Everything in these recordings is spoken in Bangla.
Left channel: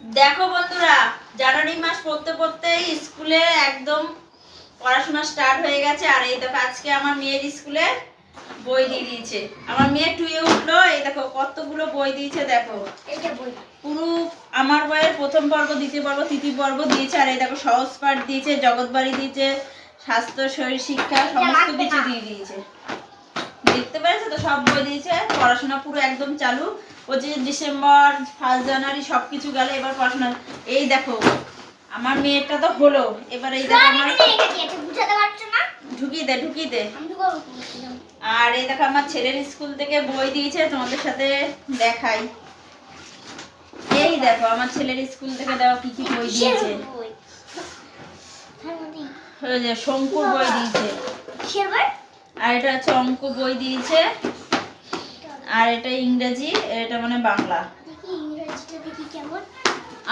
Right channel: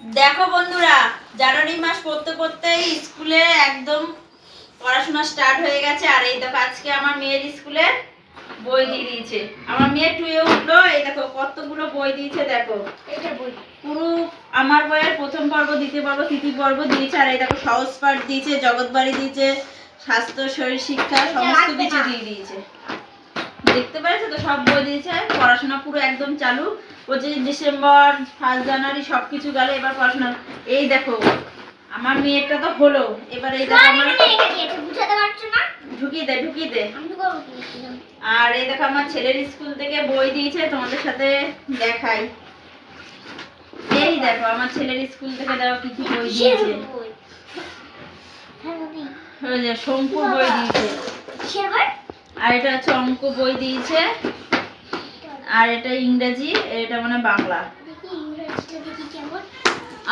দেখো বন্ধুরা, জানুয়ারি মাস পড়তে পড়তে স্কুলে একদম পড়াশোনা স্টার্ট হয়ে গেছে। আর এই দেখো আজকে আমার মেয়ের স্কুলে বই দিয়ে দিয়েছে। আমার মেয়ে টুয়ে উঠলো, এই দেখো কতগুলো বই দিয়েছে। দেখো এটা বই পুরো আমার বইয়ের প্রথম পর্ব, দ্বিতীয় পর্ব, তৃতীয় পর্ব দিয়েছে। আর এই দেখো সহজ পাঠ দিয়েছে, জগৎবাড়ি দিয়েছে, স্বাস্থ্য শরীর শিক্ষা সমস্ত কিছু দিয়ে দিয়েছে। দেখতে পাচ্ছো তো, সব বই দিয়েছে। পড়াশোনা পুরো একদম চালু। 25 ডিসেম্বর 1 জানুয়ারি সবকিছু গেল, এবার পড়াশোনা। এই দেখো আমার মেয়েটা তো হলো, এবার এই দেখো আমার ঢুকিয়ে দে। আর এই দেখো আমার ছেলের স্কুল থেকে বই দিয়েছে, তোমাদের সাথে দেখাই। এই দেখো আমার ছেলের স্কুল থেকে দেওয়া কি কি বই দিয়েছে। ওই যে শঙ্কুর বই দিয়েছে, আর এটা হচ্ছে অঙ্ক বই দিয়েছে, আর এটা ইংরেজি, এটা মানে বাংলা।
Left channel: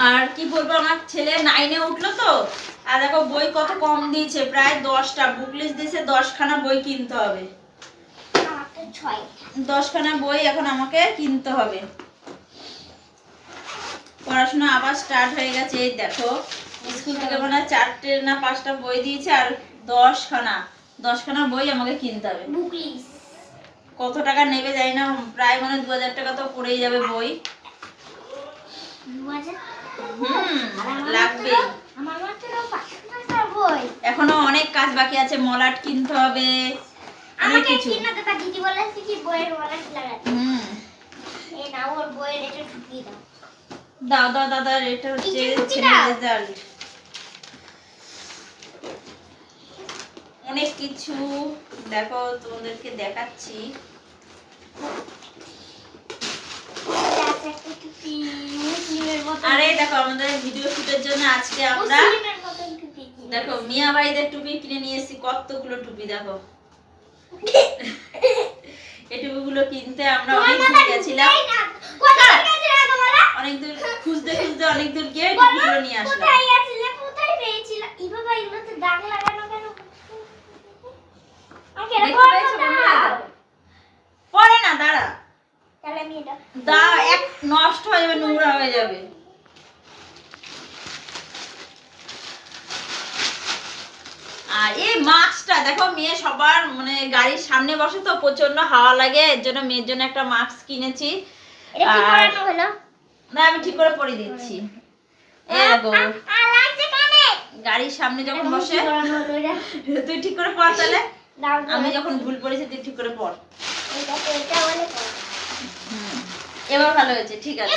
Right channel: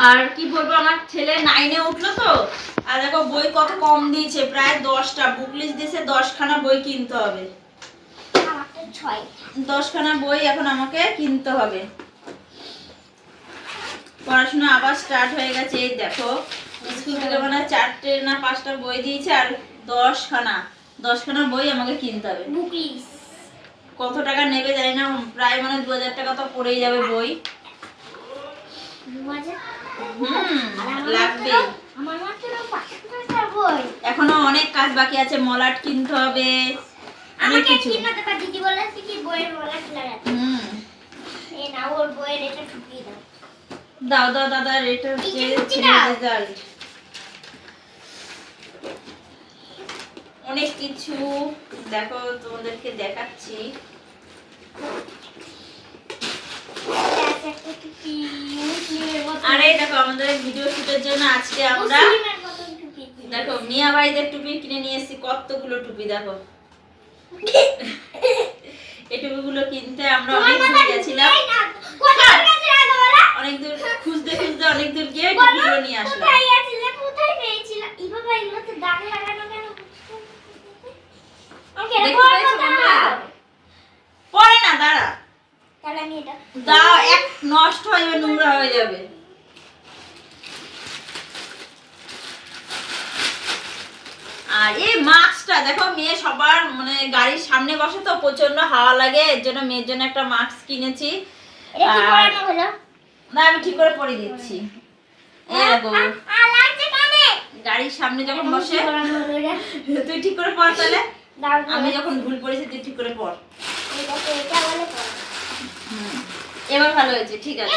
আর কি বলবো, আমার ছেলে 9-এ উঠলো তো। আর দেখো বই কত কম দিয়েছে, প্রায় 10টা বুক লিস্ট দিয়েছে। 10খানা বই কিনতে হবে, 10খানা বই এখন আমাকে কিনতে হবে। পড়াশোনা আবার স্টার্ট হয়ে গেছে। এই দেখো স্কুল থেকে মানে 4টে না 5টা বই দিয়েছে, আর 10খানা বই আমাকে কিনতে হবে। বুক লিস্ট কত টাকা নেবে জানি না, প্রায় মানে 2000 টাকা তো পড়েই যাবে বই। লাগবে। এখনো অনেক কাজ বাকি আছে, মলাট কিনতে হবে, অনেক কিছু। দাও দাদা, এটা হচ্ছে ছেলের রেজাল্ট। অনেক কিছু দেখো, তোমাদেরকে দেখাচ্ছি। আরে দেখো আমাদের ভিডিও শুটের জন্য আজকে আমরা দেখো মিয়া ভাইদের টুপি কিনে নিয়ে এসেছি। কতগুলো টুপি দেখো। এই টুপিগুলো কিনতে আমরা অনেক দূর গেছিলাম, অনেক দূর খুঁজতে অনেক দূর গিয়ে টুপিগুলো নিয়ে আসলাম। পরে না, দাঁড়া দাও, এক নষ্ট হয়ে যাবে, নোংরা হয়ে যাবে। আর এই মাস্কটা দেখো, মেয়ে সবার মানে গাড়ির সামনে বসে তো প্রচন্ড হাওয়া লাগে, এর জন্য মেয়ের জন্য একটা মাস্ক কিনেছি। না আমি ঠিক করে পরে দিচ্ছি। এই দেখো গাড়ির সামনে যখন বসে, তুই ঠিক করে পর তাহলে। আমি যখন ভুল পড়েছি তুই ঠিক করে পর। এবার ভালো হয়েছে, ঠিক আছে।